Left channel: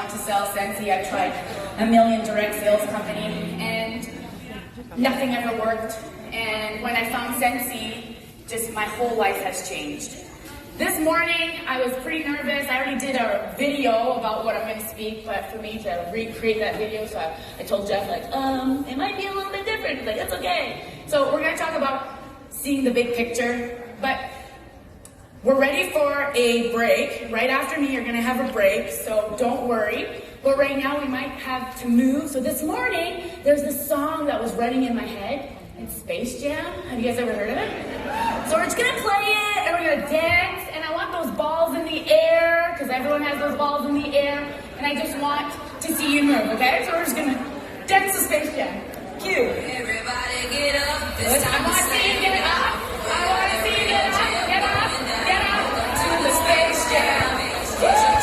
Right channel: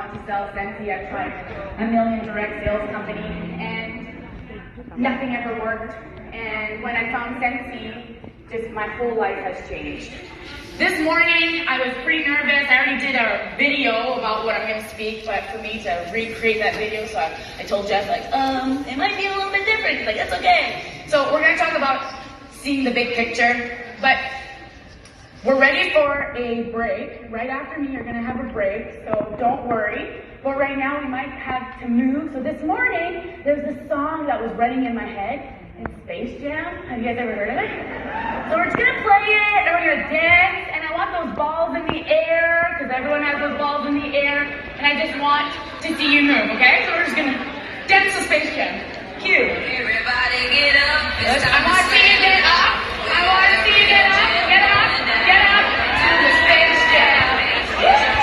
want to sell Scentsy. I've tried a million direct sales company and nothing ever worked. And when I found Scentsy, just my whole life has changed. This morning, I was pretty nervous. I already did a video about what I'm going to speak, but for me to recreate that video, so I told Jeff, like, it might be a little bit different. He's like, that's okay. So we're going to talk about seeing the big picture, but we're ready for a break. Right after me, you're going to have a break, so don't worry. But right now, we might have to move. So this morning, there's this song that was running in my head. In Space Jam. Have you guys ever heard of it? So we're just gonna play it and we're gonna dance, and I want those balls in the air, because everyone has those balls in the air, and I just want to see you move, okay? So we're just gonna dance to Space Jam. Cue. Everybody get up. I want to see you get up. I want to see you get up. Get up. Get up to the Space Jam. Get up.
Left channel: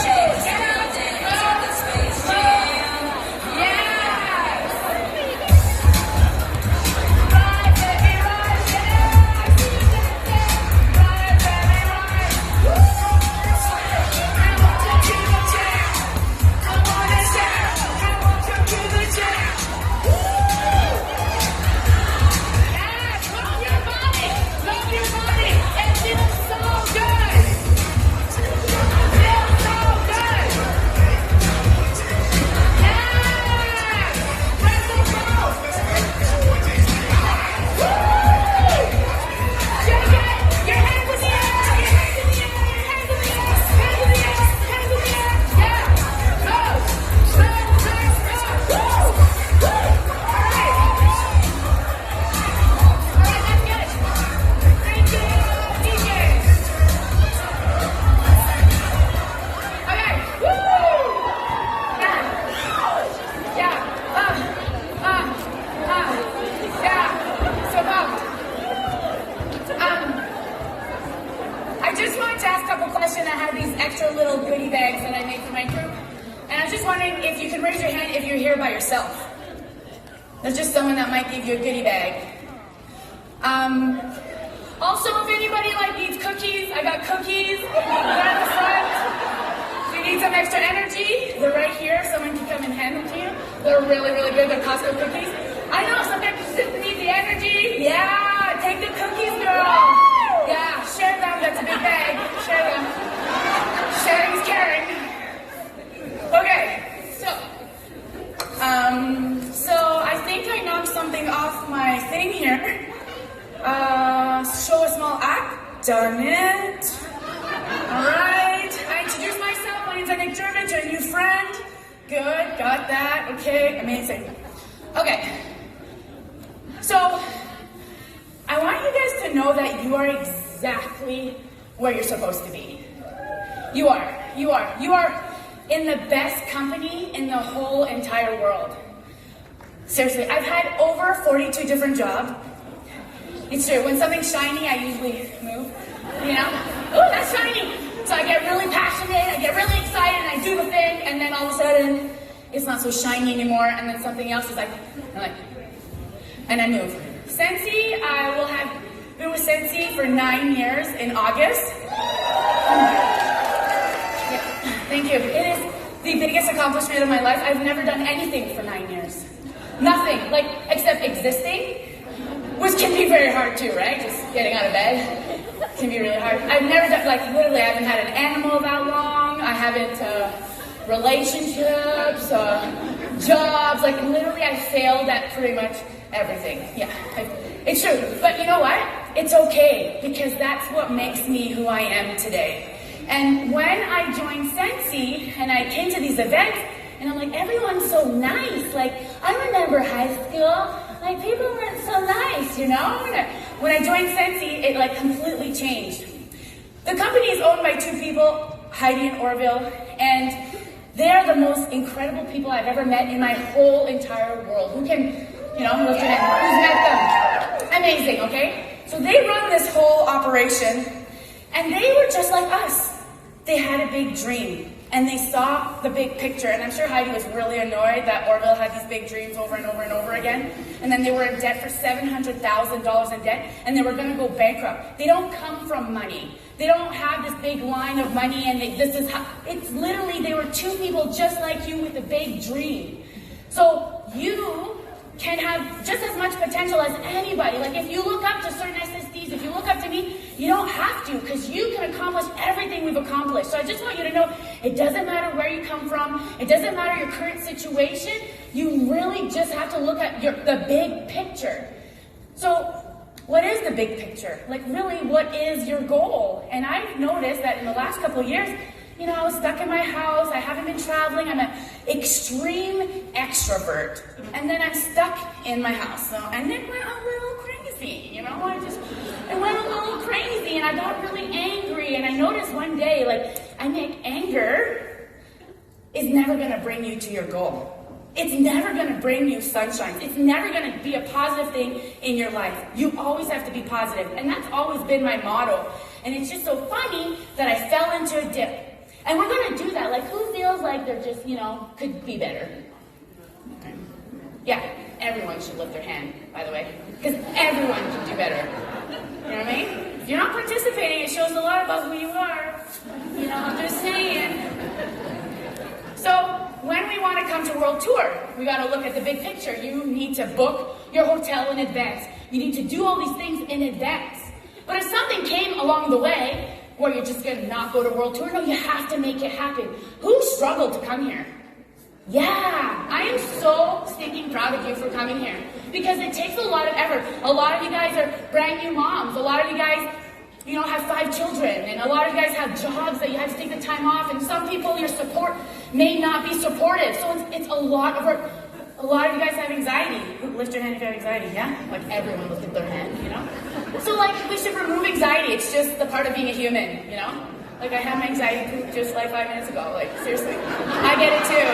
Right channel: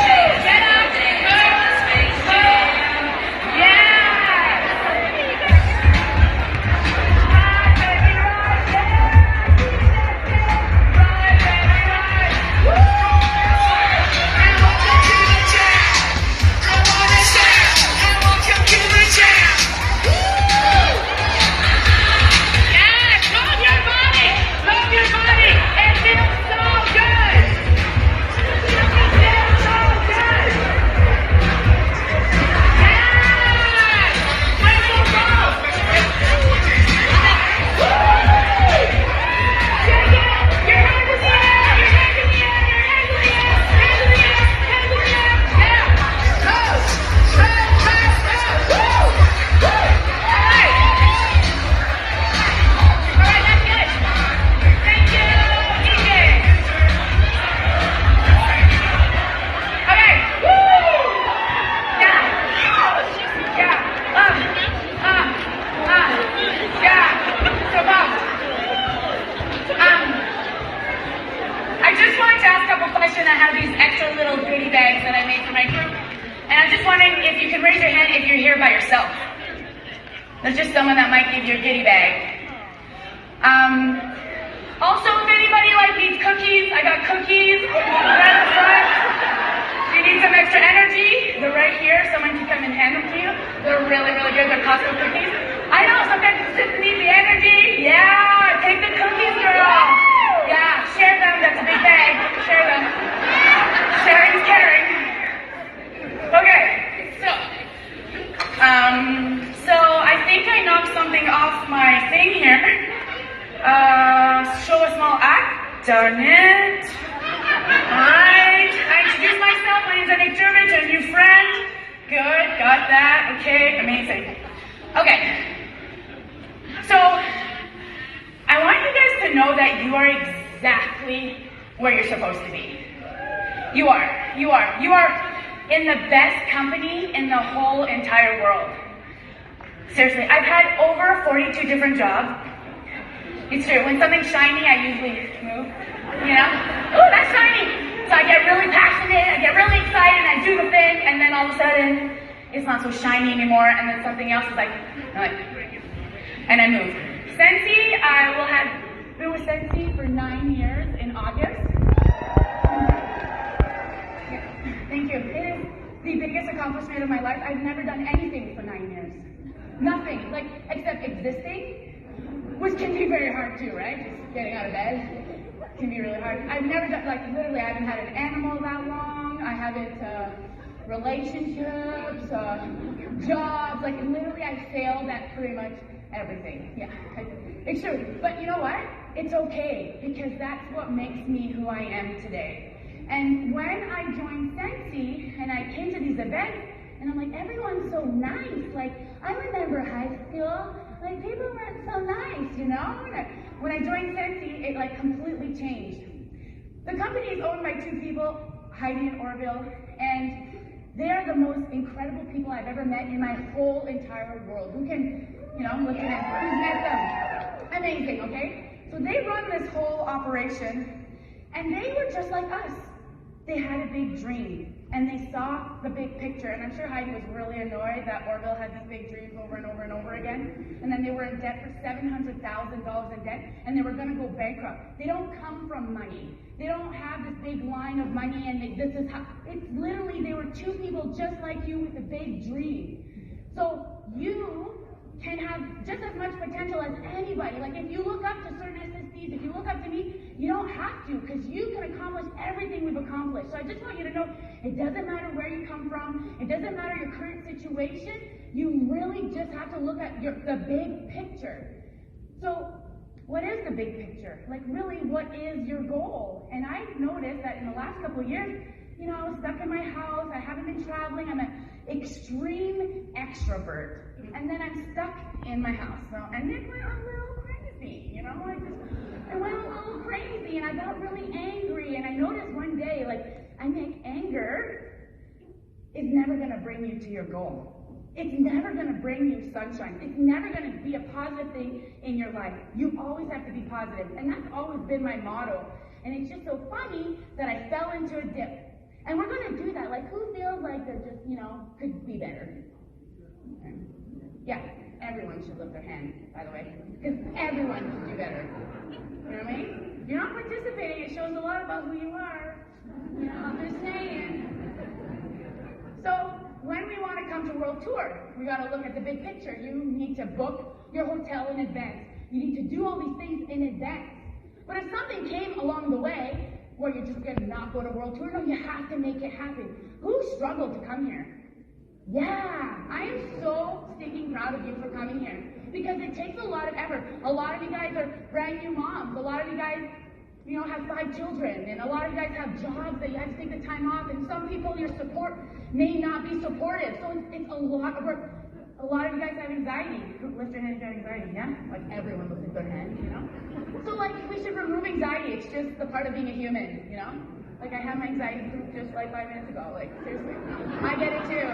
I have these extra little goodie bags that I made for my group, and I was just wondering if you could raise your hand if you're here by yourself. There's just someone that might give you a goodie bag. Also, if anybody needs cookies, I got cookies right in the front. If you need some extra energy, they're right here. Someone can come and hand them to you. They're really, really good. They're Costco cookies. I know, sometimes you just need the energy. Yeah, take the cookies, girl. Yeah, share them. That's a big bag. Share them. Sharing is caring. Okay, so I think I knocked something off my thing here. Show a small act. Done it. Alright, I introduced myself. My name's Nick Jervich, a new friend. Good, got that. Okay, amazing. Okay, so I want you guys to know that you are exactly where you're supposed to be. You are in the best company in the whole entire world. Seriously, I've had over 42 different jobs. It's true, when something's shiny, I usually move, you know? Oh, that's shiny! So I get really passionate, I get really excited, and I do the thing, and then all of a sudden, it's not so shiny anymore, and then something else is and I move. Scentsy, I will have been with Scentsy for 9 years in August. Thank you. It is the biggest accomplishment of my life. I've never done anything for 9 years. Nothing, except existing, which can be very hard too, right? Just getting out of bed can be really hard. I've never done, literally, I haven't had an animal that long. I haven't, relationships, jobs, literally I failed at pretty much everything. Yeah, it's true. But you know what? It's okay, because that's what makes me who I am today. And when I joined Scentsy and I came to these events, and I'm everyone's so nice. I remember high school, people weren't so nice, you know? When I joined Scentsy, it completely changed. The company is owned by two people, Heidi and Orville, and they're the most incredible people I've ever met in my whole entire world. Who can, lift your hand? Who's met them? Amazing, okay? So they run this whole operation, and they were just like us. They had a big dream, and they saw the big picture, and I'm sure Heidi was really annoyed that Orville had these big dreams over and over and over again, and then they were in debt for $700,000 in debt, and they were going to go bankrupt. They don't come from money. They don't have this big line of money and this is how, it's literally, they were two people just like you with a big dream. So you can have just as much potential as anybody. Like if you look up to certain SSDs, if you look up to me, you don't have to, because you can accomplish everything we've accomplished. So I just want you to know, it doesn't matter where you come from, it doesn't matter your current situation, you really just have to look at the big picture. So what is the big picture? Like really, what is your goal? And I've noticed that in the last couple of years, I was stuck in my house, I haven't been traveling, I'm an extreme extrovert. And then I'm stuck in my house. And it went a little crazy, I went a little crazy and I got really angry. And I noticed one day, anger is never gonna bring you to your goal. It's never gonna bring you sunshine. It's never gonna be a positive thing in your life. You always have to be positive. And that's always been my motto. And it's just so funny that I fell into a dip. And we're gonna do that. Who feels like they're just, could be better? Okay. Yeah, everyone should lift their hand, by the way. Because everyone can do better. You know what I mean? If you're not participating, it shows a lot about who you are. I'm just saying. So, when we want to come to World Tour, we got to look at the big picture. You need to book your hotel in advance. You need to do all these things in advance. But if something came along the way where you're just going to not go to World Tour, no, you have to make it happen. Who struggled to come here? Yeah, I am so stinking proud of you for coming here, because it takes a lot of effort. A lot of you guys are brand new moms. A lot of you guys, have 5 children, and a lot of you guys have jobs that you have to take the time off, and some people, your support may not be supportive. So it's a lot of work. A lot of you guys have anxiety. Lift your hand if you have anxiety, yeah? Everyone lifted their hand, So we should remove anxiety. It's just the part of being a human, I had my anxiety just 5 minutes ago. Seriously. I get it too.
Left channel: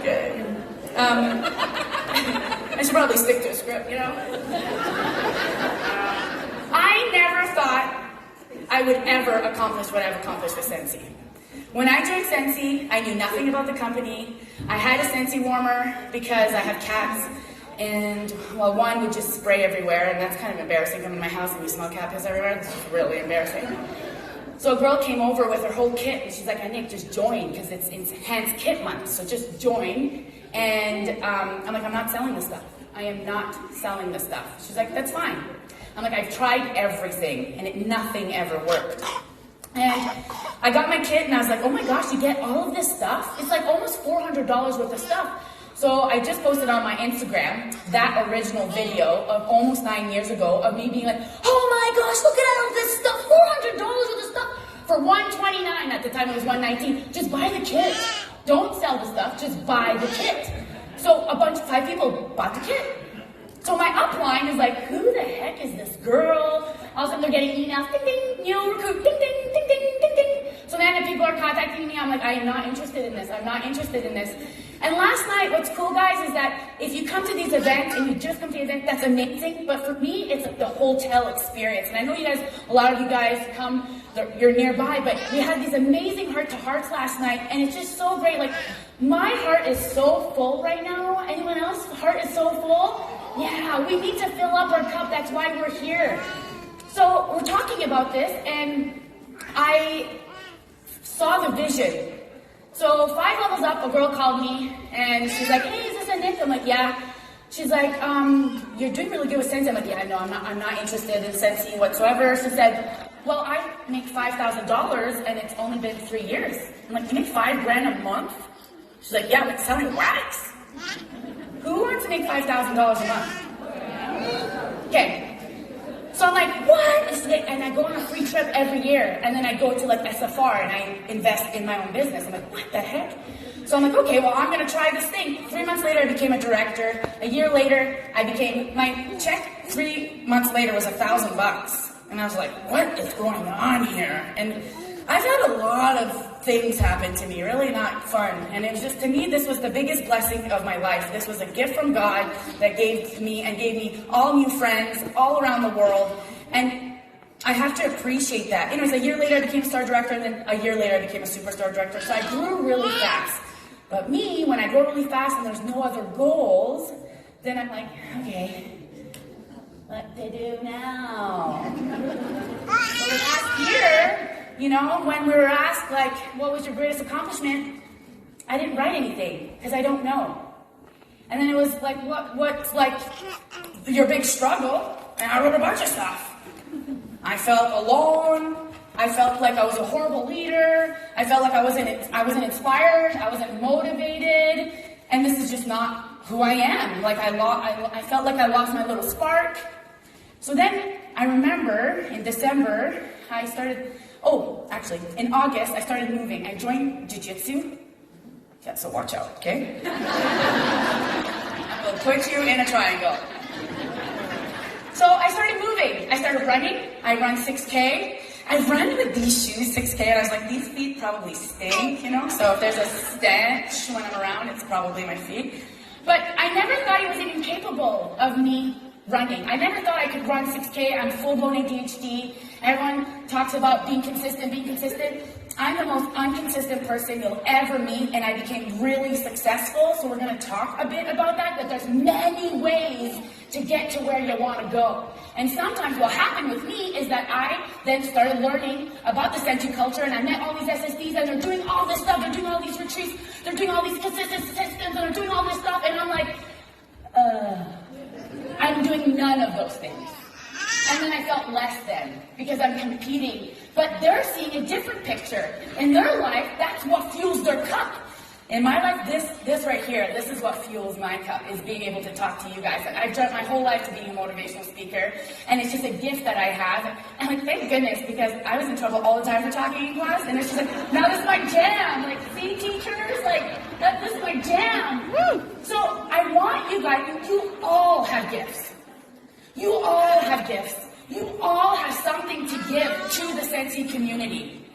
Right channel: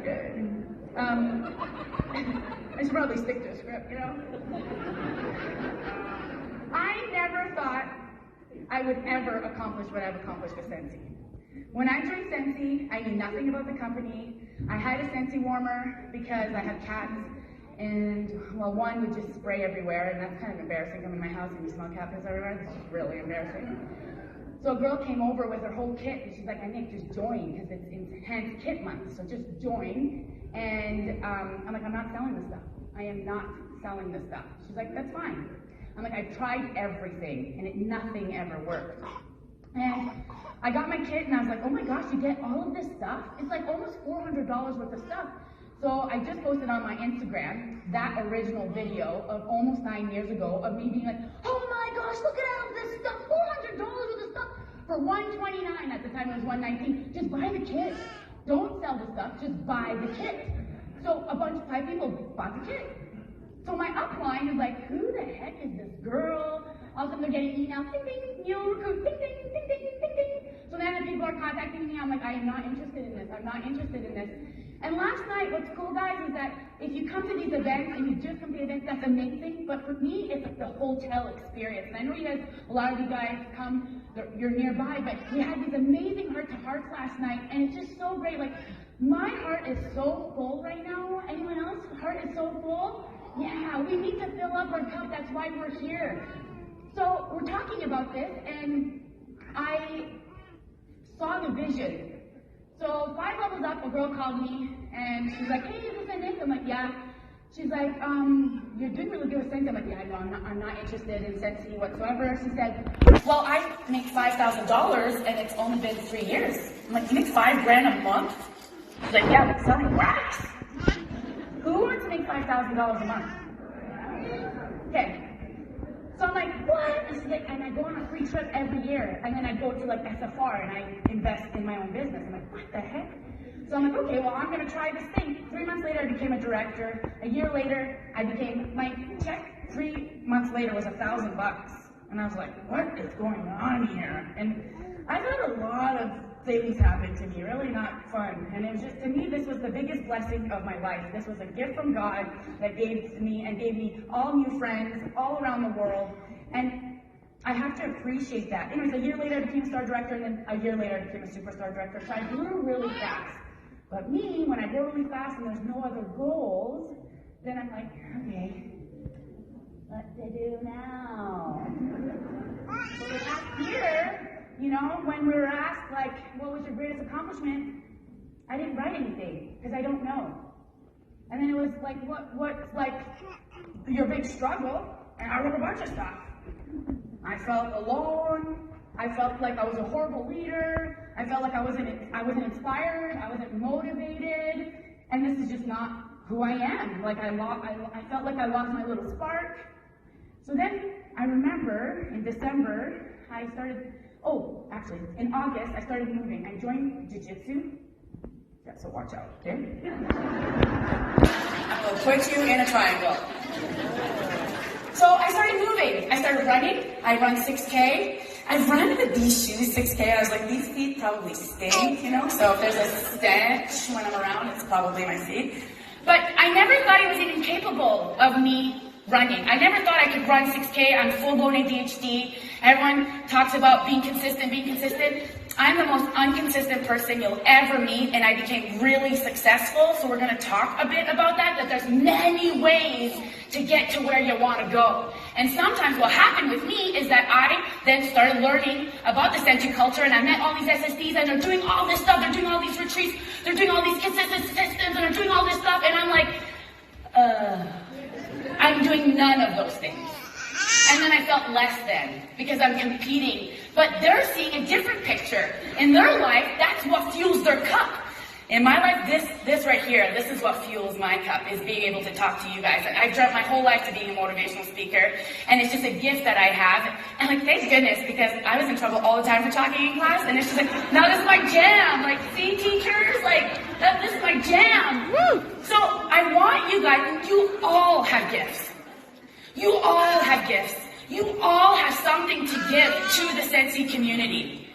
Okay. I should probably stick to a script, I never thought I would ever accomplish what I've accomplished with Scentsy. When I joined Scentsy, I knew nothing about the company. I had a Scentsy warmer because I have cats. And, one would just spray everywhere, and that's kind of embarrassing. Come in my house and you smell cat piss everywhere. It's really embarrassing. So a girl came over with her whole kit, and she's like, Nick, just join, because it's Enhanced Kit Month, so just join. And I'm like, I'm not selling this stuff. I am not selling this stuff. She's like, that's fine. I'm like, I've tried everything, and nothing ever worked. And I got my kit, and I was like, oh my gosh, you get all of this stuff? It's almost $400 worth of stuff. So I just posted on my Instagram that original video of almost 9 years ago of me being like, oh my gosh, look at all this stuff, $400 worth of stuff for $129. At the time it was $119. Just buy the kit. Don't sell the stuff, just buy the kit. So 5 people bought the kit. So my upline is like, who the heck is this girl? All of a sudden they're getting emails, ding ding, recruit, ding ding, ding ding, ding ding. So then if people are contacting me, I'm like, I am not interested in this. I'm not interested in this. And last night, what's cool, guys, is that if you come to these events and you just come to the event, that's amazing. But for me, it's the hotel experience. And I know a lot of you guys come, you're nearby, but we had these amazing heart-to-hearts last night, and it's just so great. My heart is so full right now. Anyone else's heart is so full? Yeah, we need to fill up our cup. That's why we're here. So we're talking about this, and I saw the vision. So 5 levels up, a girl called me, and she's like, hey, is this a Nick? I'm like, yeah. She's like, you're doing really good with Scentsy. I'm like, yeah, no, I'm not interested in Scentsy whatsoever. She said, well, I make $5,000, and it's only been 3 years. I'm like, you make $5,000 a month? She's like, yeah, but selling wax. Who wants to make $5,000 a month? Okay. So I'm like, what? And I go on a free trip every year, and then I go to SFR and I invest in my own business. I'm like, what the heck? So I'm like, okay, well, I'm gonna try this thing. 3 months later, I became a director. A year later, my check 3 months later was $1,000. And I was like, what is going on here? And I've had a lot of things happen to me, really not fun. And it was just, to me, this was the biggest blessing of my life. This was a gift from God that gave me all new friends all around the world. And I have to appreciate that. Anyways, a year later, I became a star director, and then a year later, I became a superstar director. So I grew really fast. But me, when I grow really fast and there's no other goals, then I'm like, okay, What to do now? So last year, when we were asked, like, what was your greatest accomplishment? I didn't write anything, because I don't know. And then it was like, what's like your big struggle? And I wrote a bunch of stuff. I felt alone. I felt like I was a horrible leader. I felt like I wasn't inspired. I wasn't motivated. And this is just not who I am. Like I felt like I lost my little spark. So then I remember in December, in August, I started moving. I joined jiu-jitsu. Yeah, so watch out, okay? I will put you in a triangle. So I started moving. I started running. I run 6K. I run with these shoes 6K. I was like, these feet probably stink, So if there's a stench when I'm around, it's probably my feet. But I never thought it was even capable of me running. I never thought I could run 6K. I'm full-blown ADHD. Everyone talks about being consistent. I'm the most inconsistent person you'll ever meet, and I became really successful. So we're going to talk a bit about that there's many ways to get to where you want to go. And sometimes what happened with me is that I then started learning about the Sensu culture, and I met all these SSDs, and they're doing all this stuff, they're doing all these retreats, they're doing all these consistent systems, and they're doing all this stuff, and I'm like, I'm doing none of those things. And then I felt less than, because I'm competing. But they're seeing a different picture. In their life, that's what fuels their cup. In my life, this right here, this is what fuels my cup, is being able to talk to you guys. And I've dreamt my whole life to being a motivational speaker, and it's just a gift that I have. And thank goodness, because I was in trouble all the time for talking in class, and it's just like, now this is my jam. Like, see, teachers, this is my jam. Woo! So I want you guys, you all have gifts. You all have gifts. You all have something to give to the Sensi community.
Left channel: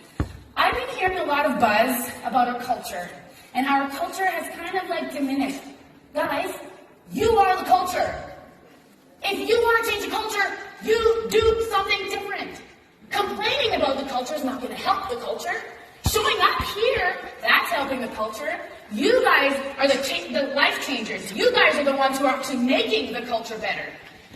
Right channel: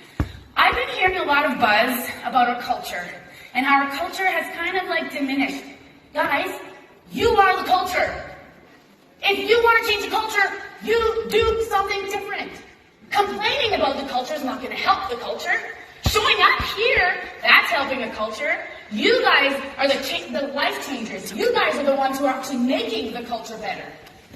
I've been hearing a lot of buzz about our culture, and how our culture has kind of diminished. Guys, you are the culture. If you want to change the culture, you do something different. Complaining about the culture is not going to help the culture. Showing up here, that's helping the culture. You guys are the life changers. You guys are the ones who are actually making the culture better.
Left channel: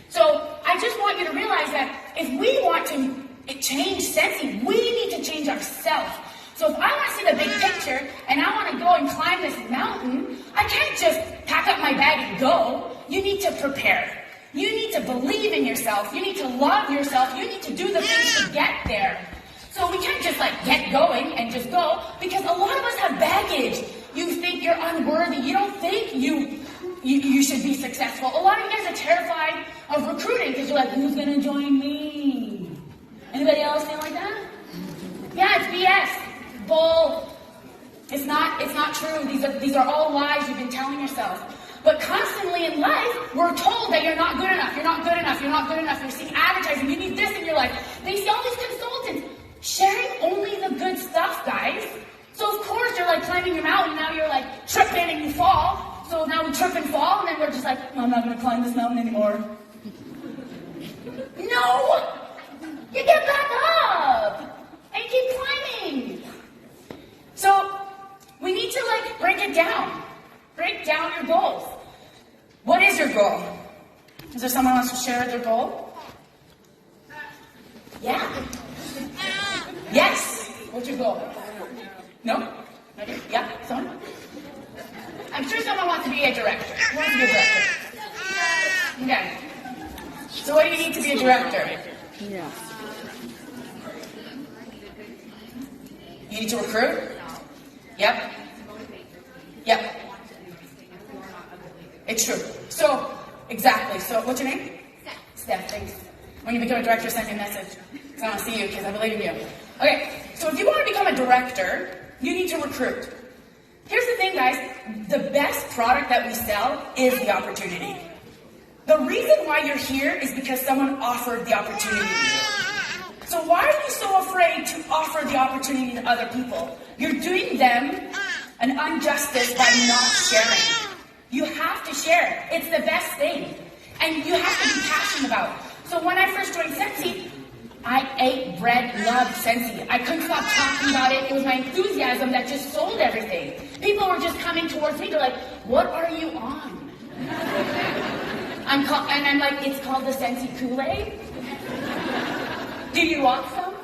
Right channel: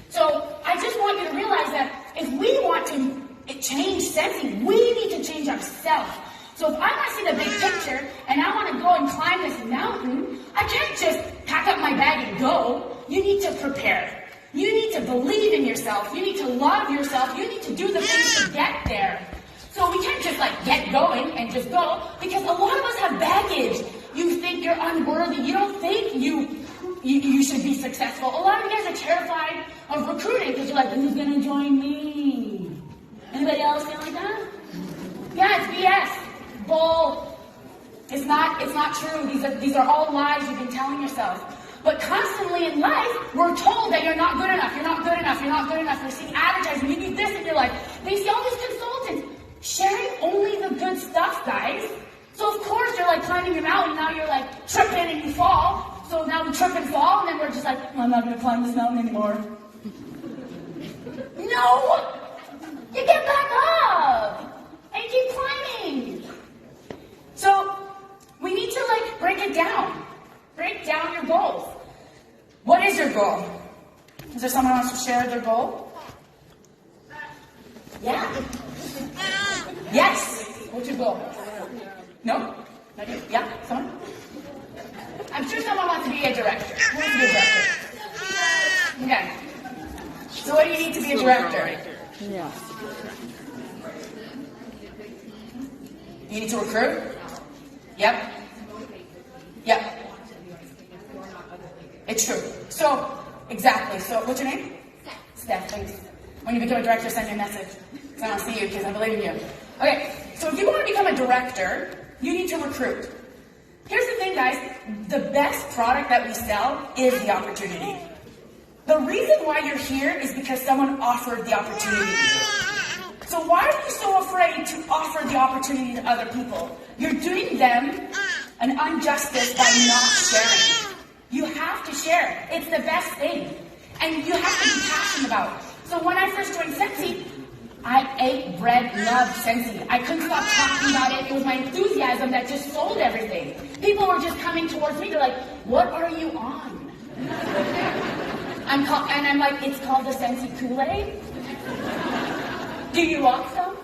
So I just want you to realize that if we want to change Sensi, we need to change ourselves. So if I want to see the big picture and I want to go and climb this mountain, I can't just pack up my bag and go. You need to prepare. You need to believe in yourself. You need to love yourself. You need to do the things to get there. So we can't just get going and just go, because a lot of us have baggage. You think you're unworthy. You don't think you should be successful. A lot of you guys are terrified of recruiting because you're like, who's going to join me? Anybody else feel like that? Yeah, it's BS. Bull. It's not true. These are all lies you've been telling yourself. But constantly in life, we're told that you're not good enough, you're not good enough, you're not good enough. You're seeing advertising, you need this in your life. They sell these consultants sharing only the good stuff, guys. So of course you're climbing the mountain, now you're tripping and you fall. So now we trip and fall, and then we're just I'm not going to climb this mountain anymore. No! You get back up! And keep climbing! So, we need to break it down. Break down your goals. What is your goal? Is there someone who wants to share their goal? Yeah? Yes! What's your goal? No? Yeah? Someone? I'm sure someone wants to be a director. Who wants to be a director? Okay. So what do you need to be a director? Yeah. You need to recruit? Yep. Yep. It's true. So, exactly. So, what's your name? Steph. Thanks. When you become a director, send me a message. Because I want to see you, because I believe in you. Okay. So, if you want to become a director, you need to recruit. Here's the thing, guys. The best product that we sell is the opportunity. The reason why you're here is because someone offered the opportunity. So why are you so afraid to offer the opportunity to other people? You're doing them an injustice by not sharing. You have to share. It's the best thing. And you have to be passionate about it. So when I first joined Sensi, I ate, bred, loved Sensi. I couldn't stop talking about it. It was my enthusiasm that just sold everything. People were just coming towards me. They're like, what are you on? And I'm like, it's called the Scentsy Kool-Aid. Do you want some?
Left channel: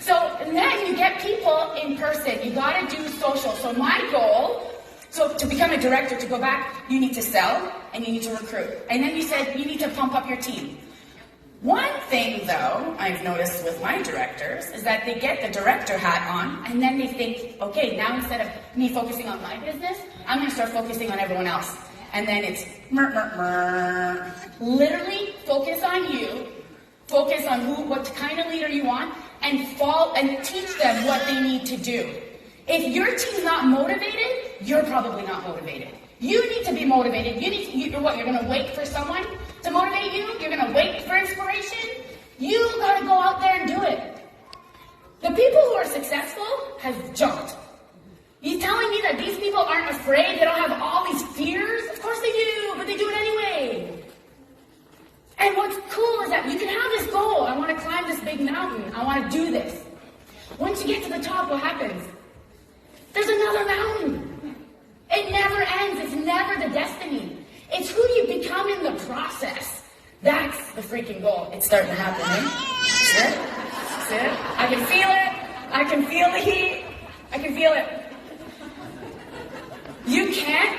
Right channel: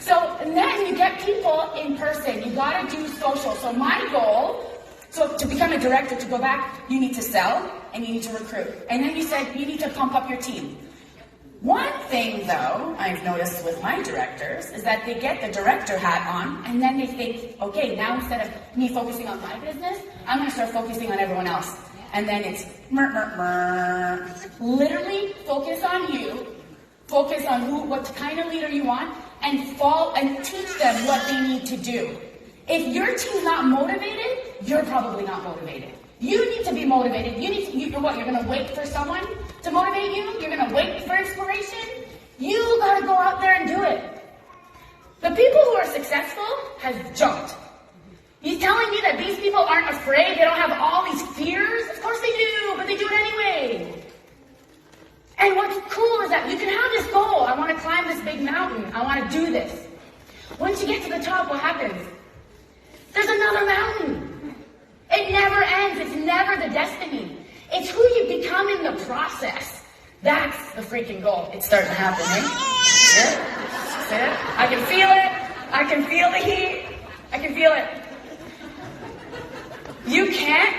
So, and then you get people in person. You gotta do social. So my goal, so to become a director, to go back, you need to sell and you need to recruit. And then you said you need to pump up your team. One thing, though, I've noticed with my directors is that they get the director hat on and then they think, okay, now instead of me focusing on my business, I'm going to start focusing on everyone else. And then it's literally focus on you, focus on what kind of leader you want, and teach them what they need to do. If your team's not motivated, you're probably not motivated. You need to be motivated. You're going to wait for someone to motivate you? You're going to wait for inspiration? You got to go out there and do it. The people who are successful have jumped. He's telling me that these people aren't afraid, they don't have all these fears? Of course they do, but they do it anyway. And what's cool is that you can have this goal. I want to climb this big mountain. I want to do this. Once you get to the top, what happens? There's another mountain. It never ends. It's never the destiny. It's who you become in the process. That's the freaking goal. It's starting to happen, eh? See it? See it? I can feel it. I can feel the heat. I can feel it.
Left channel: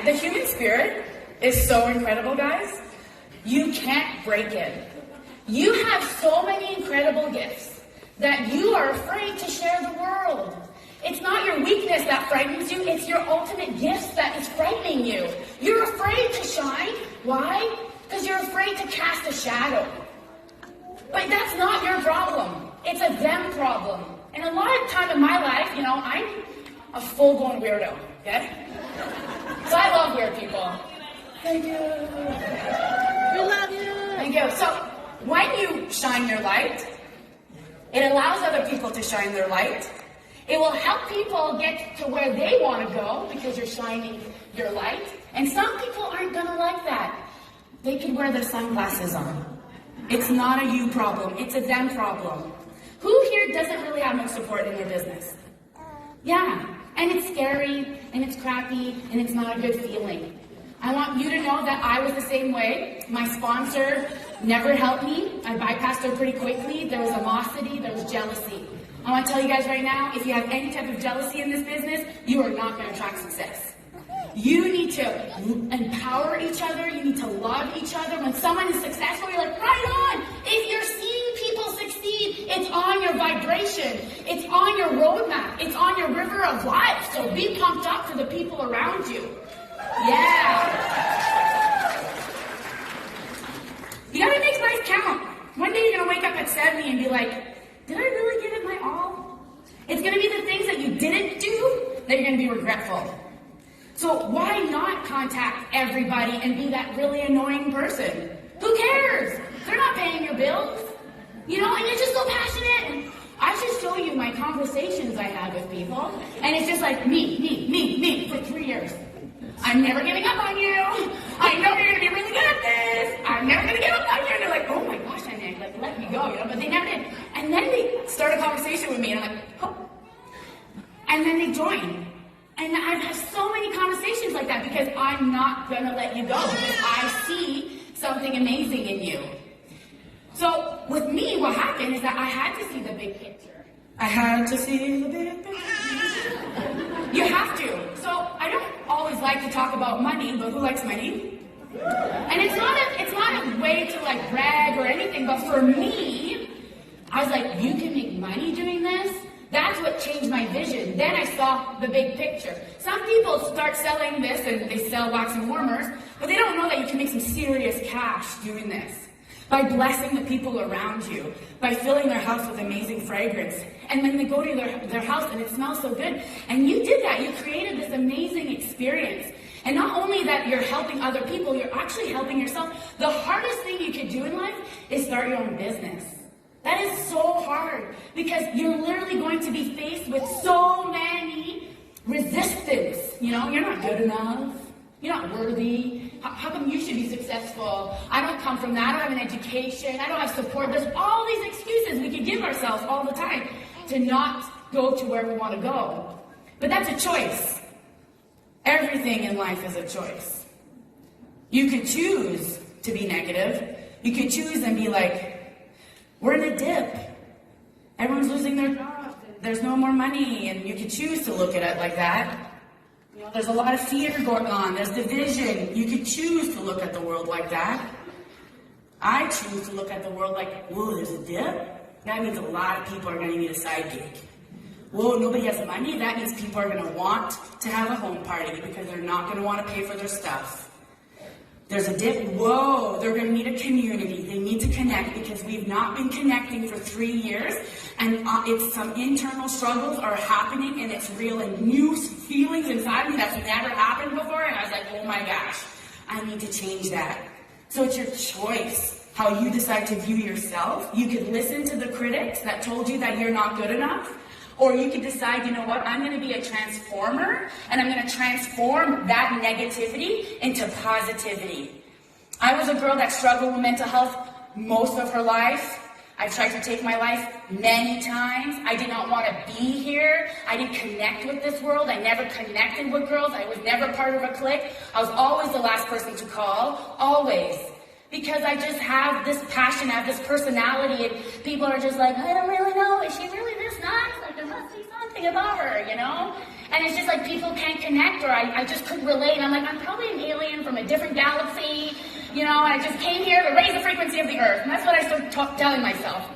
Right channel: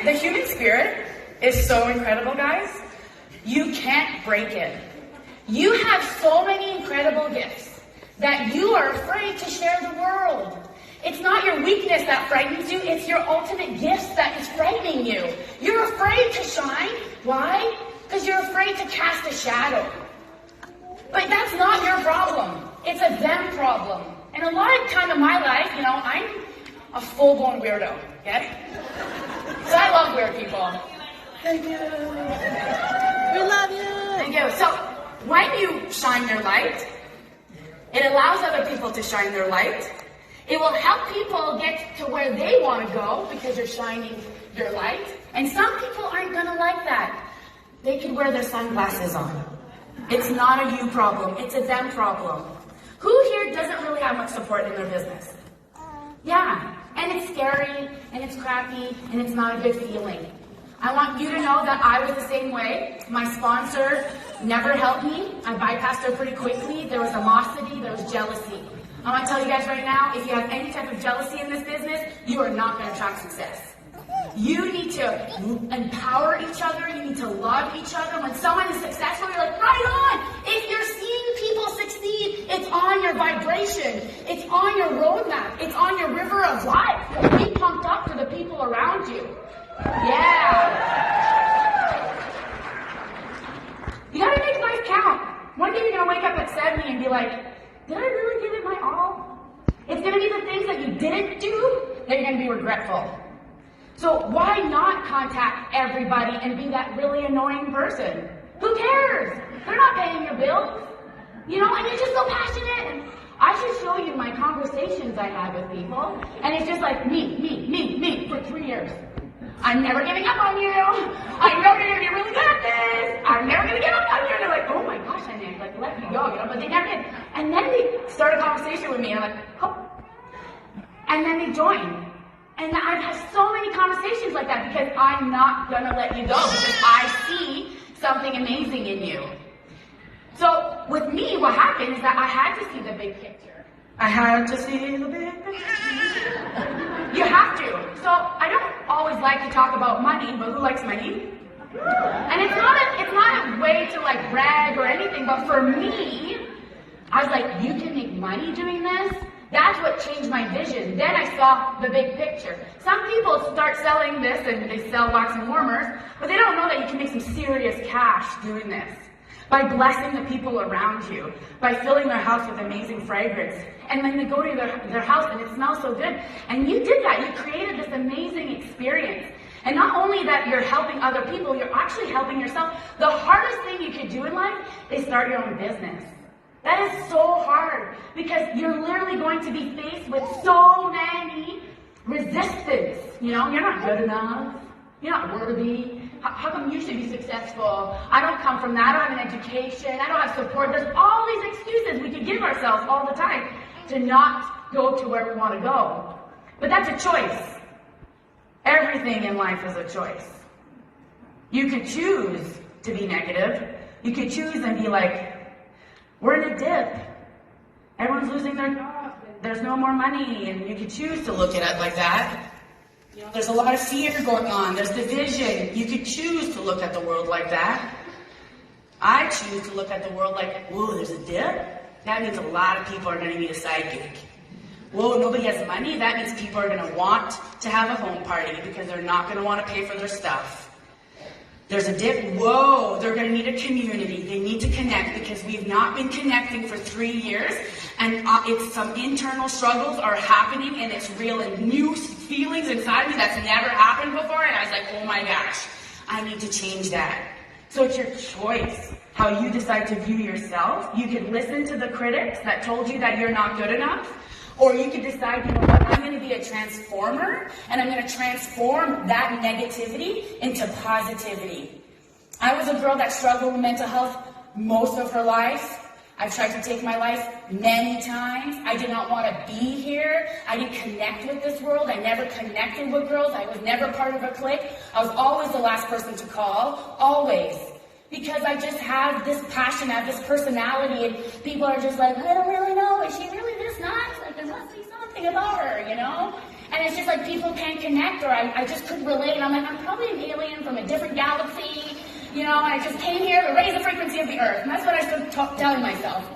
The human spirit is so incredible, guys. You can't break it. You have so many incredible gifts that you are afraid to share the world. It's not your weakness that frightens you, it's your ultimate gift that is frightening you. You're afraid to shine. Why? Because you're afraid to cast a shadow. But that's not your problem. It's a them problem. And a lot of time in my life, I'm a full-blown weirdo, okay? So I love weird people. Thank you. We love you. Thank you. So when you shine your light, it allows other people to shine their light. It will help people get to where they want to go because you're shining your light. And some people aren't going to like that. They could wear their sunglasses on. It's not a you problem. It's a them problem. Who here doesn't really have much support in their business? Yeah. And it's scary, and it's crappy, and it's not a good feeling. I want you to know that I was the same way. My sponsor never helped me. I bypassed her pretty quickly. There was animosity, there was jealousy. I want to tell you guys right now, if you have any type of jealousy in this business, you are not going to attract success. You need to empower each other. You need to love each other. When someone is successful, you're like, right on. If you're seeing people succeed, it's on your vibration. It's on your roadmap. It's on your river of life. So be pumped up for the people around you. Yeah. You gotta make life count. One day you're gonna wake up at 70 and be like, did I really give it my all? It's gonna be the things that you didn't do that you're gonna be regretful. So why not contact everybody and be that really annoying person? Who cares? They're not paying your bills. And you're just so passionate. I should show you my conversations I have with people. And it's just like me for 3 years. I'm never giving up on you. I know you're going to be really good at this. I'm never going to give up on you. And they're like, oh my gosh, Anya, let me go. But they never did. And then they start a conversation with me. And I'm like, oh. And then they join. And I've had so many conversations like that because I'm not going to let you go because I see something amazing in you. So with me, what happened is that I had to see the big picture. I had to see the big picture. You have to. So I don't always like to talk about money, but who likes money? And it's not a way to brag or anything, but for me, I was like, you can make money doing this? That's what changed my vision. Then I saw the big picture. Some people start selling this and they sell wax and warmers, but they don't know that you can make some serious cash doing this. By blessing the people around you, by filling their house with amazing fragrance. And then they go to their house and it smells so good. And you did that. You created this amazing experience. And not only that you're helping other people, you're actually helping yourself. The hardest thing you could do in life is start your own business. That is so hard because you're literally going to be faced with so many resistance. You're not good enough. You're not worthy. How come you should be successful? I don't come from that. I don't have an education. I don't have support. There's all these excuses we can give ourselves all the time to not go to where we want to go. But that's a choice. Everything in life is a choice. You could choose to be negative. You could choose and be like, we're in a dip. Everyone's losing their jobs. There's no more money. And you could choose to look at it like that. You know, there's a lot of fear going on. There's division. You could choose to look at the world like that. I choose to look at the world like, whoa, there's a dip? That means a lot of people are going to need a side gig. Whoa, nobody has money? That means people are going to want to have a home party because they're not going to want to pay for their stuff. There's a dip. Whoa, they're going to need a community. They need to connect because we've not been connecting for 3 years, and it's some internal struggles are happening, and it's real and new feelings inside me that's never happened before, and I was like, oh my gosh, I need to change that. So it's your choice how you decide to view yourself. You could listen to the critics that told you that you're not good enough, or you could decide, you know what, I'm going to be a transformer, and I'm going to transform that negativity into positivity. I was a girl that struggled with mental health most of her life. I've tried to take my life many times. I did not want to be here. I didn't connect with this world. I never connected with girls. I was never part of a clique. I was always the last person to call, always. Because I just have this passion, I have this personality, and people are just like, I don't really know, is she really this nice? Like, there must be something about her, you know? And it's just like people can't connect, or I just couldn't relate. I'm like, I'm probably an alien from a different galaxy, you know, I just came here to raise the frequency of the earth. And that's what I started telling myself.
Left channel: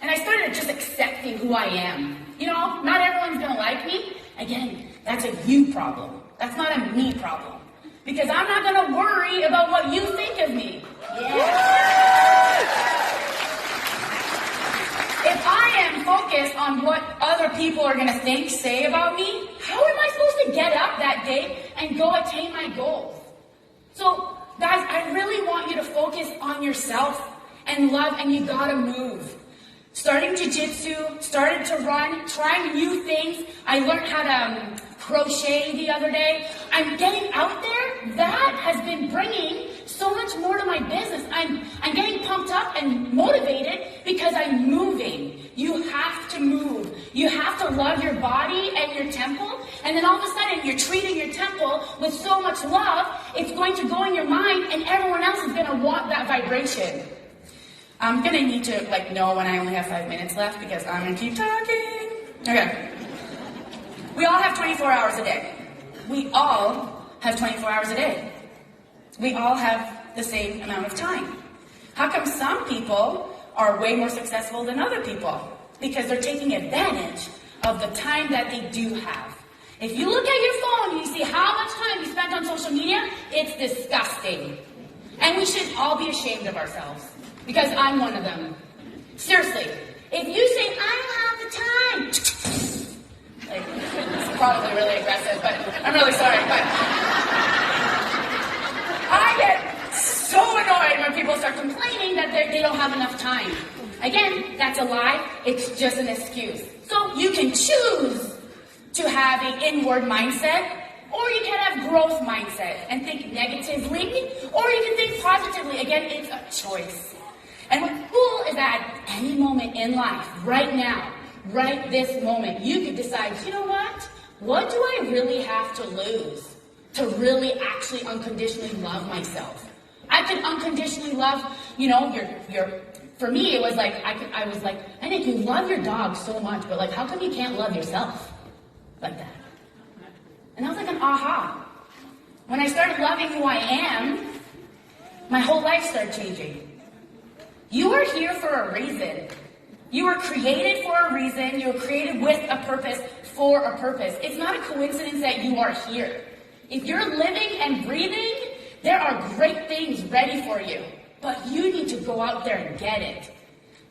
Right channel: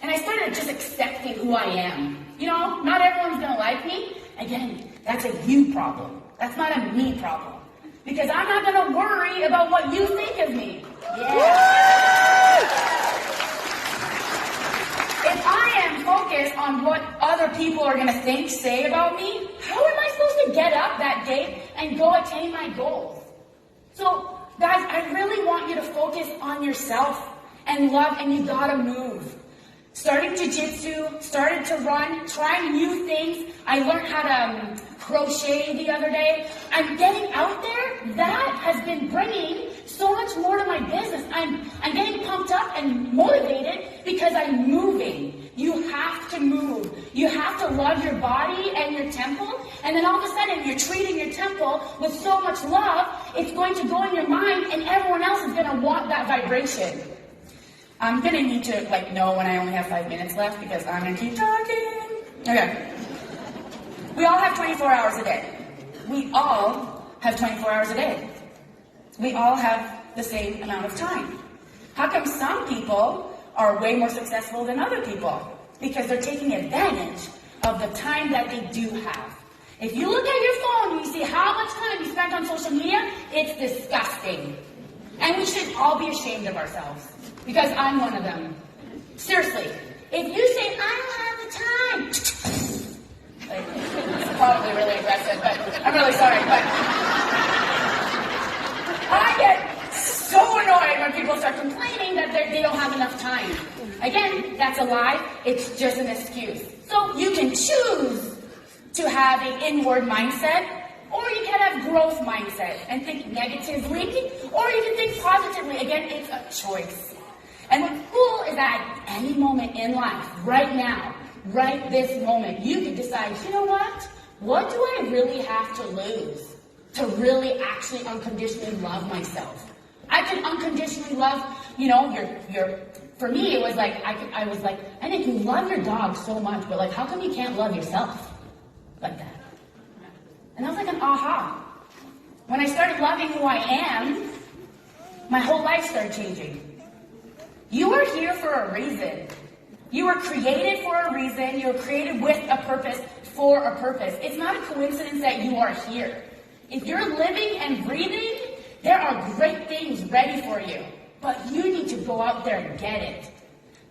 And I started just accepting who I am. You know, not everyone's gonna like me. Again, that's a you problem. That's not a me problem. Because I'm not gonna worry about what you think of me. Yeah. If I am focused on what other people are gonna think, say about me, how am I supposed to get up that day and go attain my goals? So, guys, I really want you to focus on yourself and love, and you gotta move. Starting jiu-jitsu, started to run, trying new things. I learned how to crochet the other day. I'm getting out there. That has been bringing so much more to my business. I'm getting pumped up and motivated because I'm moving. You have to move. You have to love your body and your temple. And then all of a sudden, you're treating your temple with so much love, it's going to go in your mind, and everyone else is going to want that vibration. I'm going to need to know when I only have 5 minutes left because I'm going to keep talking. Okay. We all have 24 hours a day. We all have 24 hours a day. We all have the same amount of time. How come some people are way more successful than other people? Because they're taking advantage of the time that they do have. If you look at your phone and you see how much time you spent on social media, it's disgusting. And we should all be ashamed of ourselves. Because I'm one of them. Seriously, if you say, I don't have the time, it's probably really aggressive, but I'm really sorry, but I get so annoyed when people start complaining that they don't have enough time. Again, that's a lie. It's just an excuse. So you can choose to have an inward mindset, or you can have growth mindset and think negatively, or you can think positively. Again, it's a choice. And what's cool is that at any moment in life, right now, right this moment, you can decide, you know what? What do I really have to lose to really actually unconditionally love myself? I could unconditionally love, for me, it was like, I was like, I think you love your dog so much, but how come you can't love yourself like that? And I was like an aha. When I started loving who I am, my whole life started changing. You are here for a reason. You were created for a reason. You were created with a purpose, for a purpose. It's not a coincidence that you are here. If you're living and breathing, there are great things ready for you. But you need to go out there and get it.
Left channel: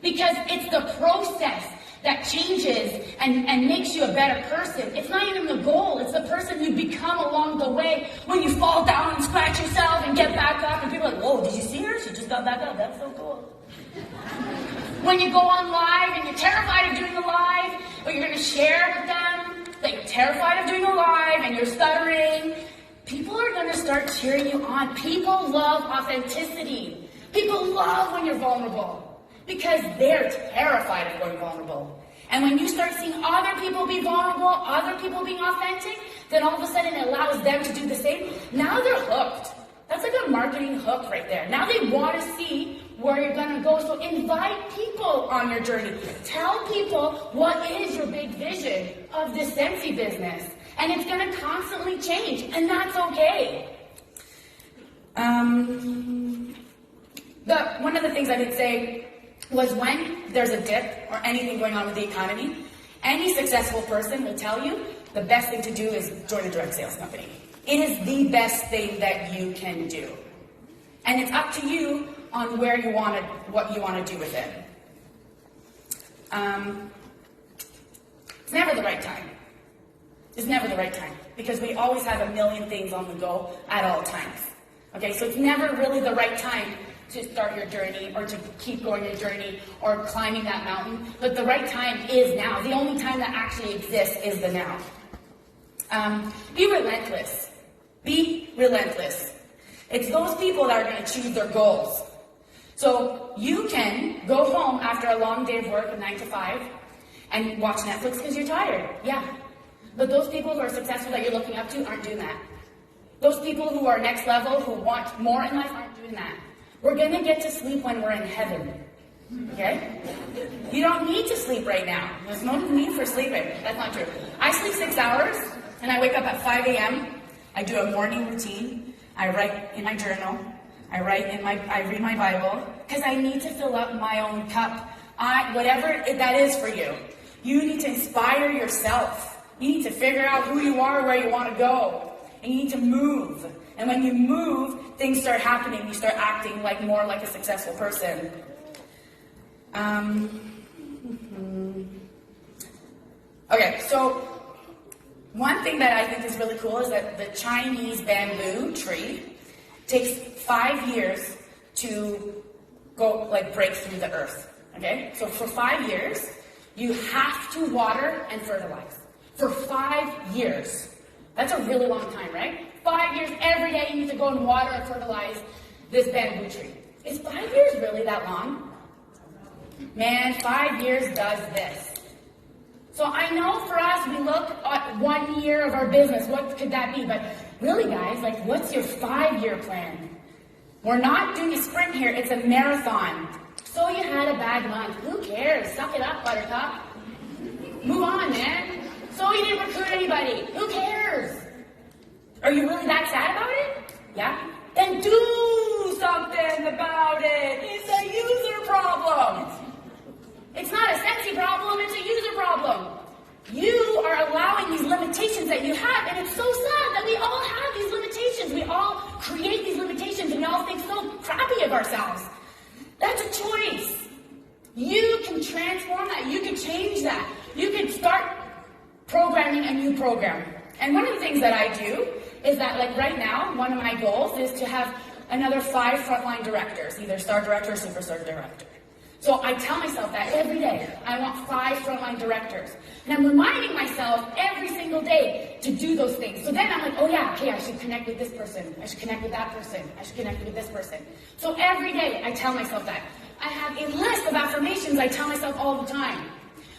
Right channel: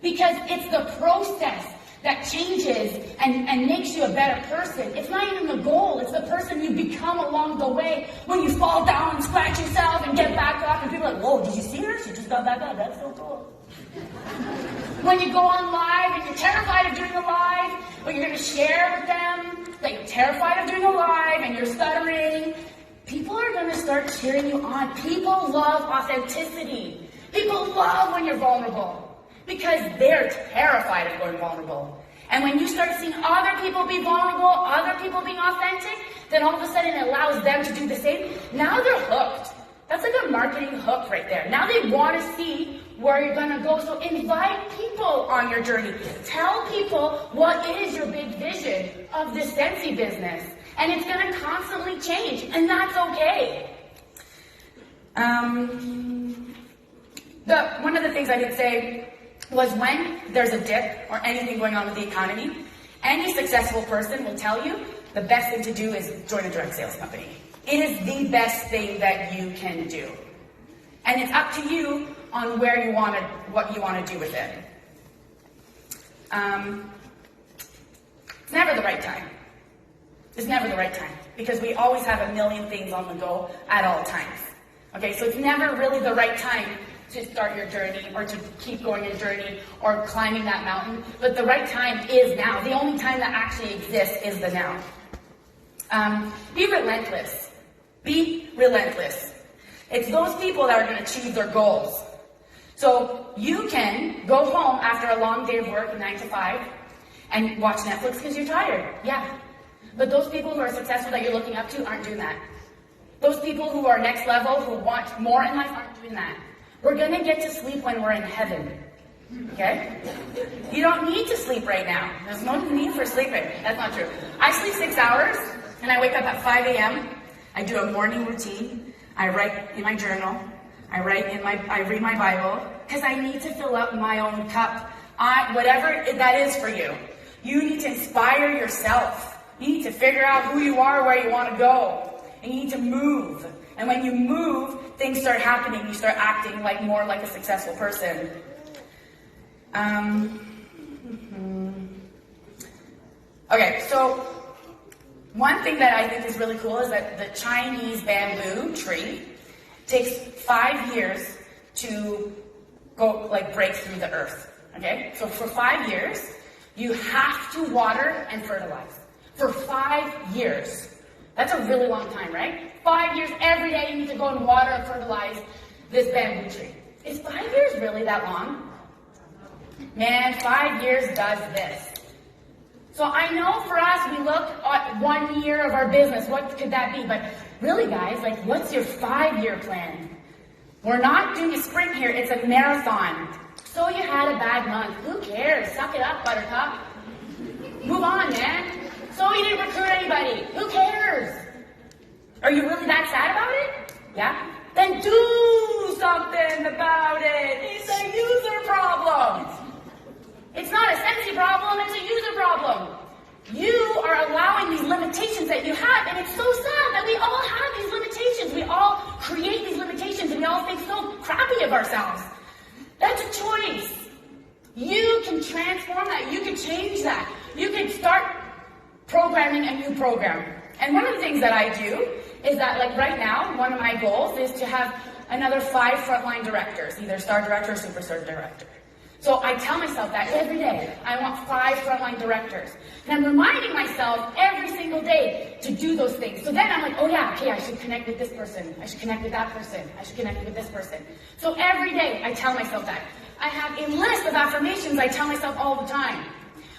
Because it's the process that changes and makes you a better person. It's not even the goal. It's the person you become along the way when you fall down and scratch yourself and get back up. And people are like, whoa, did you see her? She just got back up. That's so cool. When you go on live and you're terrified of doing a live, or you're going to share with them that you're terrified of doing a live and you're stuttering, people are going to start cheering you on. People love authenticity. People love when you're vulnerable because they're terrified of going vulnerable. And when you start seeing other people be vulnerable, other people being authentic, then all of a sudden it allows them to do the same. Now they're hooked. That's like a marketing hook right there. Now they want to see where you're going to go. So invite people on your journey. Tell people what is your big vision of the Scentsy business. And it's going to constantly change, and that's okay. One of the things I did say was when there's a dip or anything going on with the economy, any successful person will tell you the best thing to do is join a direct sales company. It is the best thing that you can do. And it's up to you on what you want to do with it. It's never the right time. It's never the right time because we always have a million things on the go at all times. Okay, so it's never really the right time to start your journey or to keep going your journey or climbing that mountain. But the right time is now. The only time that actually exists is the now. Be relentless. Be relentless. It's those people that are going to achieve their goals. So you can go home after a long day of work, 9 to 5, and watch Netflix because you're tired. Yeah. But those people who are successful that you're looking up to aren't doing that. Those people who are next level, who want more in life, aren't doing that. We're going to get to sleep when we're in heaven. Okay? You don't need to sleep right now. There's no need for sleeping. That's not true. I sleep 6 hours, and I wake up at 5 a.m. I do a morning routine. I write in my journal. I read my Bible, because I need to fill up my own cup. Whatever that is for you. You need to inspire yourself. You need to figure out who you are, where you want to go. And you need to move. And when you move, things start happening. You start acting more like a successful person. Okay, so one thing that I think is really cool is that the Chinese bamboo tree takes 5 years to go break through the earth. Okay, so for 5 years, you have to water and fertilize. For 5 years. That's a really long time, right? 5 years, every day you need to go and water and fertilize this bamboo tree. Is 5 years really that long? Man, 5 years does this. So I know for us, we look at 1 year of our business. What could that be? But really, guys, what's your 5-year plan? We're not doing a sprint here. It's a marathon. So you had a bad month. Who cares? Suck it up, Buttercup. Move on, man. So you didn't recruit anybody. Who cares? Are you really that sad about it? Yeah? Then do something about it. It's a user problem. It's not a Scentsy problem, it's a user problem. You are allowing these limitations that you have, and it's so sad that we all have these limitations. We all create these limitations, and we all think so crappy of ourselves. That's a choice. You can transform that. You can change that. You can start programming a new program. And one of the things that I do is that, right now, one of my goals is to have another 5 frontline directors, either star director or superstar director. So I tell myself that every day. I want 5 frontline directors. And I'm reminding myself every single day to do those things. So then I'm like, oh yeah, okay, I should connect with this person. I should connect with that person. I should connect with this person. So every day I tell myself that. I have a list of affirmations I tell myself all the time.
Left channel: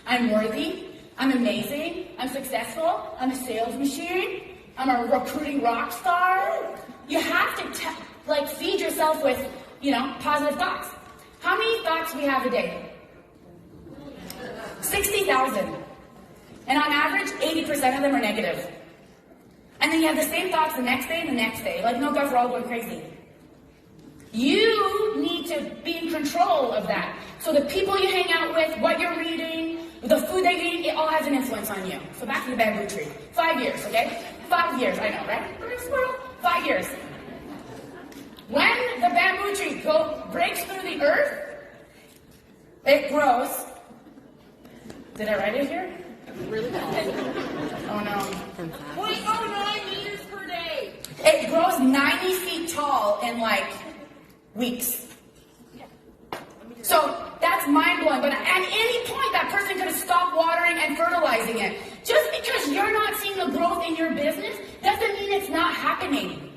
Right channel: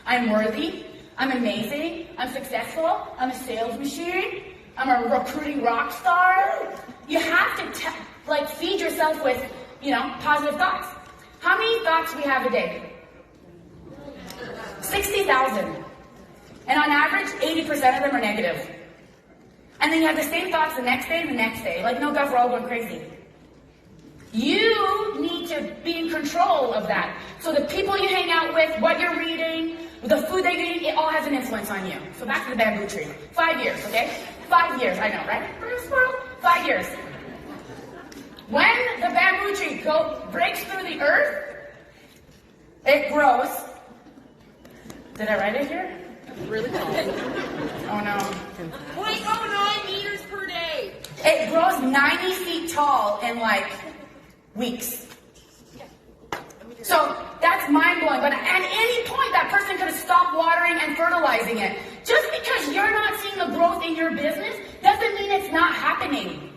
I'm worthy. I'm amazing. I'm successful. I'm a sales machine. I'm a recruiting rock star. You have to feed yourself with, positive thoughts. How many thoughts do we have a day? 60,000. And on average, 80% of them are negative. And then you have the same thoughts the next day and the next day. No, guys, we're all going crazy. You need to be in control of that. So the people you hang out with, what you're reading, the food that you eat, it all has an influence on you. So back to the bamboo tree. 5 years, okay? 5 years, I know, right? 5 years. When the bamboo tree breaks through the earth, it grows. Did I write it here? Oh no. 0.09 meters per day. It grows 90 feet tall in weeks. So that's mind-blowing. But at any point, that person could have stopped watering and fertilizing it. Just because you're not seeing the growth in your business doesn't mean it's not happening.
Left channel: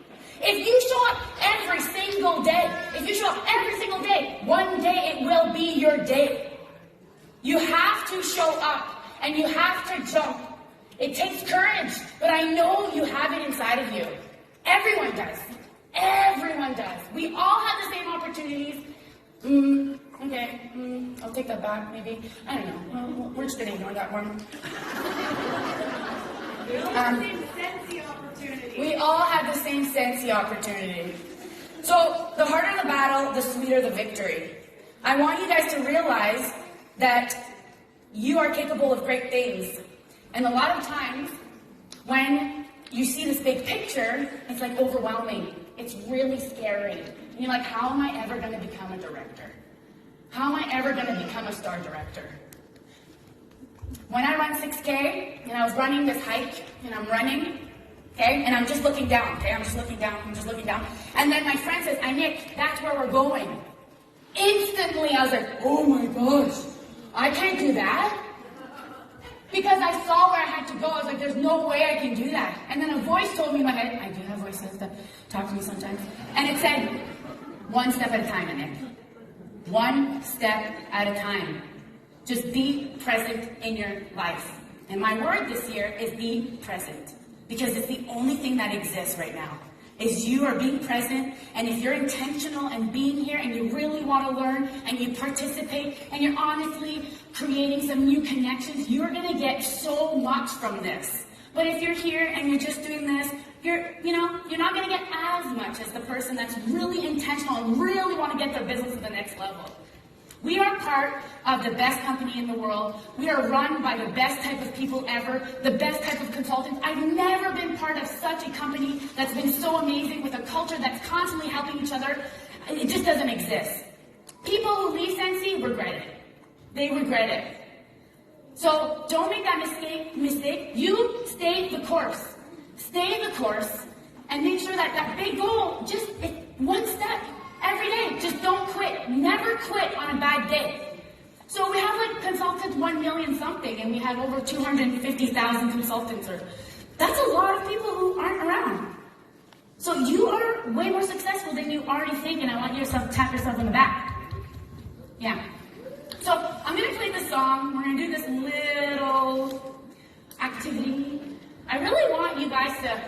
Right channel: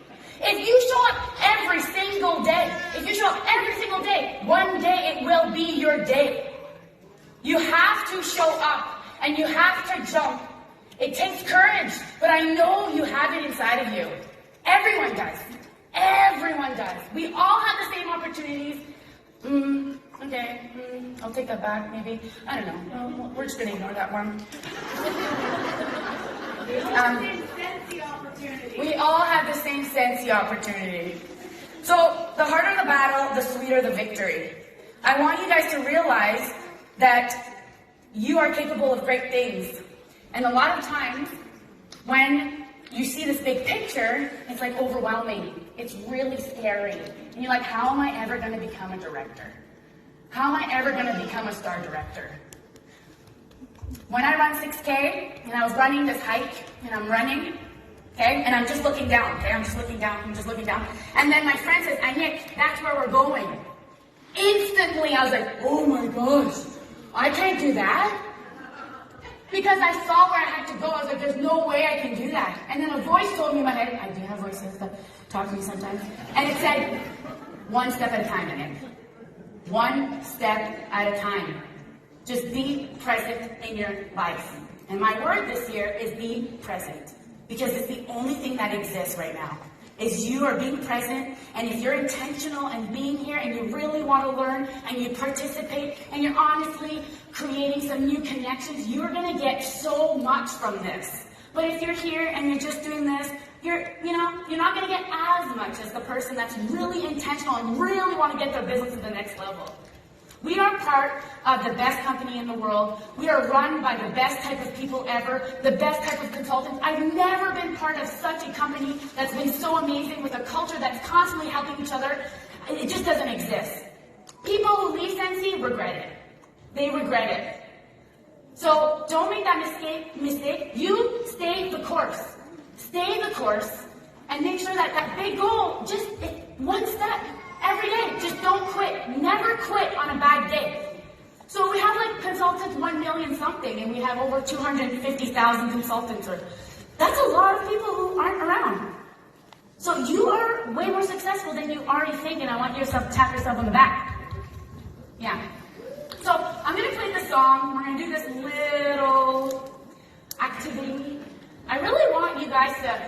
If you show up every single day, one day it will be your day. You have to show up and you have to jump. It takes courage, but I know you have it inside of you. Everyone does. Everyone does. We all have the same opportunities. Okay, I'll take that back, maybe. I don't know. We're just going to ignore that one. We all have the same sensey opportunity. So, the harder the battle, the sweeter the victory. I want you guys to realize that you are capable of great things. And a lot of times, when you see this big picture, it's like overwhelming. It's really scary. And you're like, how am I ever going to become a director? How am I ever going to become a star director? When I run 6K, and I was running this hike, and I'm running, okay, and I'm just looking down, okay, I'm just looking down, and then my friend says, Nick, that's where we're going. Instantly, I was like, oh my gosh, I can't do that. Because I saw where I had to go, I was like, there's no way I can do that. And then a voice told me in my head, I do have voices that talk to me sometimes, and it said, one step at a time, Nick. One step at a time. Just be present in your life. And my word this year is be present. Because it's the only thing that exists right now. Is you are being present, and if you're intentional and being here and you really want to learn and you participate and you're honestly creating some new connections, you're going to get so much from this. But if you're here and you're just doing this, you're not going to get as much as the person that's really intentional and really want to get their business to the next level. We are part of the best company in the world. We are run by the best type of people ever, the best type of consultants. I've never been part of such a company that's been so amazing with a culture that's constantly helping each other. It just doesn't exist. People who leave Sensei regret it. They regret it. So don't make that mistake. You stay the course. Stay the course and make sure that that big goal, just one step. Every day, just don't quit. Never quit on a bad day. So we have like consultants 1 million something, and we have over 250,000 consultants. That's a lot of people who aren't around. So you are way more successful than you already think, and I want you to tap yourself on the back. Yeah. So I'm going to play the song. We're going to do this little activity. I really want you guys to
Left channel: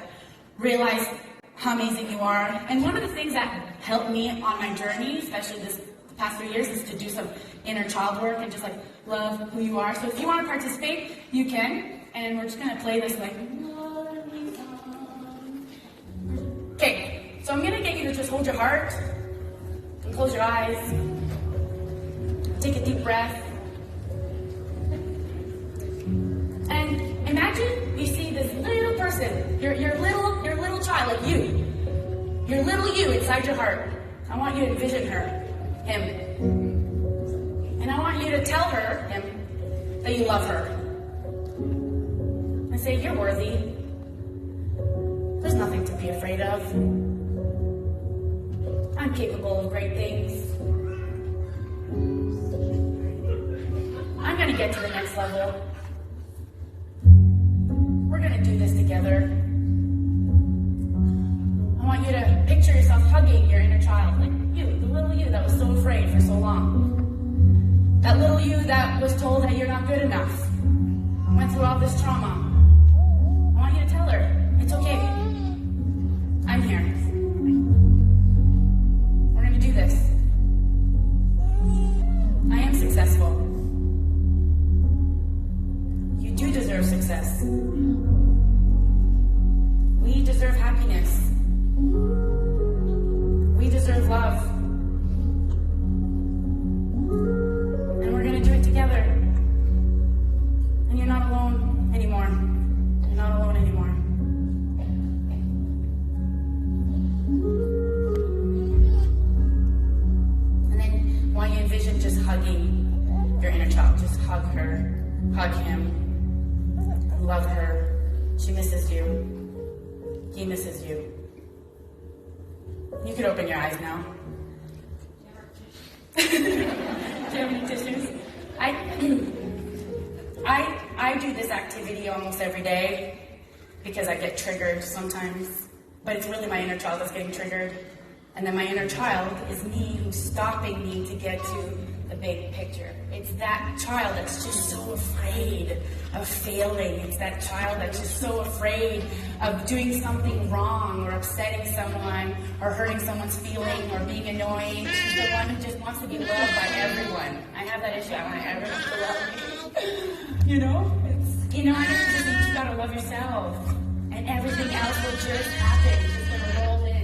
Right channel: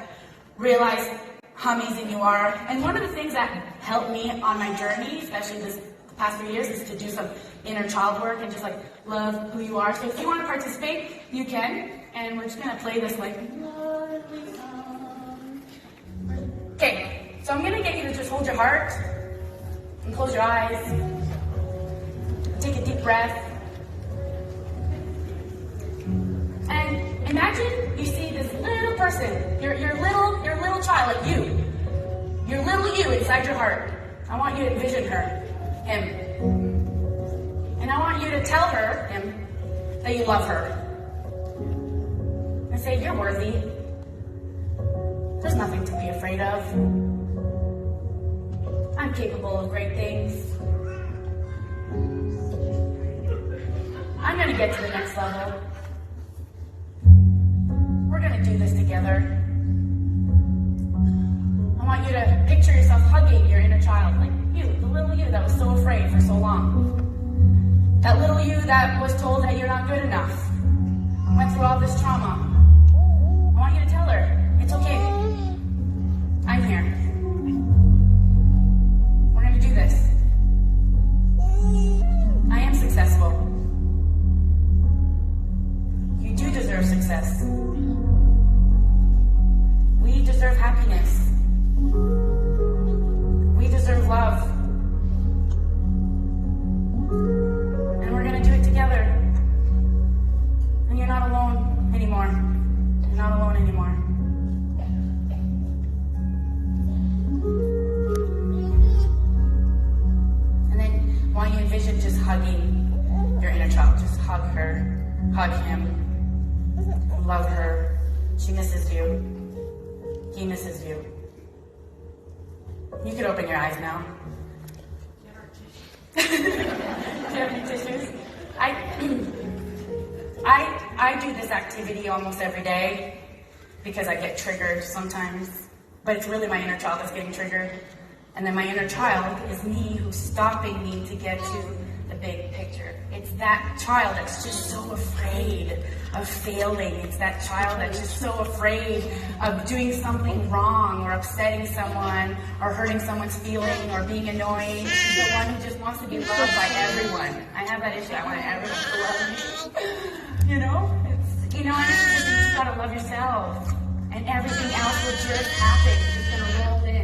realize how amazing you are. And one of the things that helped me on my journey, especially the past 3 years, is to do some inner child work and just like love who you are. So if you want to participate, you can. And we're just going to play this like lovely song. Okay, so I'm going to get you to just hold your heart and close your eyes. Take a deep breath. And imagine you see this little person, your little child, like you. Your little you inside your heart. I want you to envision him. And I want you to tell him, that you love her. And say, you're worthy. There's nothing to be afraid of. I'm capable of great things. I'm going to get to the next level. We're going to do this together. I want you to picture yourself hugging your inner child, like you, the little you that was so afraid for so long. That little you that was told that you're not good enough, went through all this trauma. I want you to tell her, it's okay. I'm here. We're going to do this. I am successful. You do deserve success. We deserve happiness. We deserve love. And we're going to do it together. And you're not alone anymore. You're not alone anymore. And then I want you to envision just hugging your inner child. Just hug her. Hug him. Love her. She misses you. He misses you. You can open your eyes now. Do you have any tissues? I do this activity almost every day because I get triggered sometimes, but it's really my inner child that's getting triggered. And then my inner child is me who's stopping me to get to the big picture. It's that child that's just so afraid of failing. It's that child that's just so afraid of doing something wrong or upsetting someone or hurting someone's feeling or being annoying. She's the one who just wants to be loved by everyone. I have that issue. I want everyone to love me. You know? You just gotta love yourself. And everything else will just happen. It's gonna roll in.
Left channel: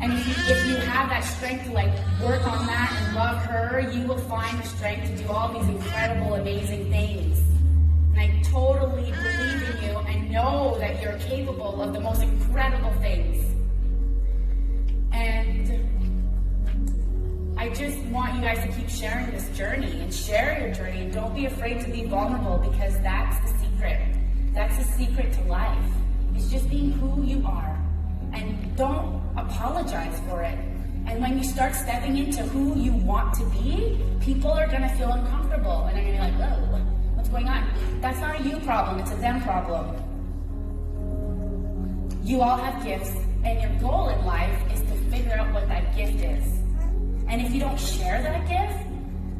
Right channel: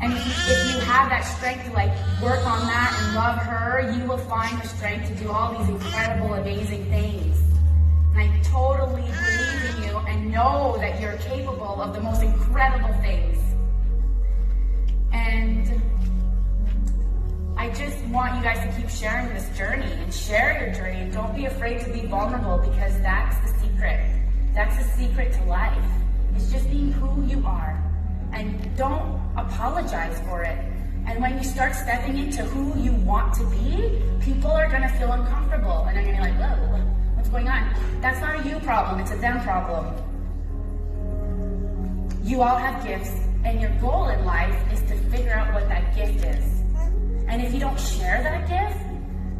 And if you have that strength to work on that and love her, you will find the strength to do all these incredible, amazing things. And I totally believe in you and know that you're capable of the most incredible things. And I just want you guys to keep sharing this journey and share your journey. And don't be afraid to be vulnerable, because that's the secret. That's the secret to life. It's just being who you are. And don't apologize for it. And when you start stepping into who you want to be, people are going to feel uncomfortable. And they're going to be like, whoa, what's going on? That's not a you problem, it's a them problem. You all have gifts, and your goal in life is to figure out what that gift is. And if you don't share that gift,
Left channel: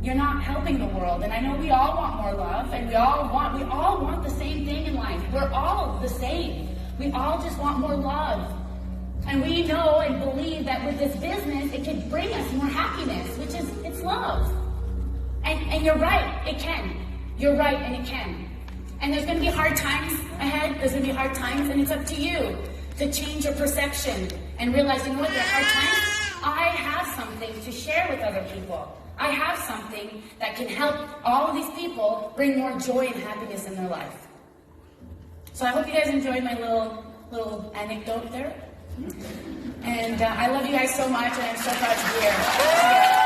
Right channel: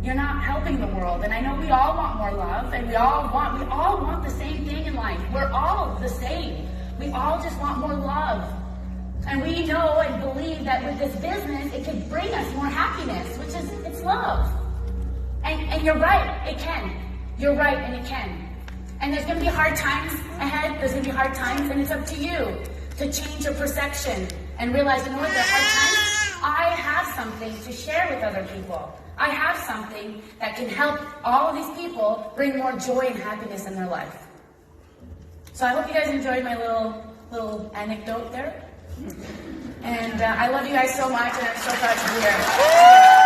you're not helping the world. And I know we all want more love, and we all want the same thing in life. We're all the same. We all just want more love. And we know and believe that with this business, it can bring us more happiness, which is, it's love. And you're right, it can. You're right, and it can. And there's going to be hard times ahead. There's going to be hard times, and it's up to you to change your perception and realize, you know what, there are hard times. I have something to share with other people. I have something that can help all of these people bring more joy and happiness in their life. So I hope you guys enjoyed my little anecdote there. And I love you guys so much, and I'm so proud to be here.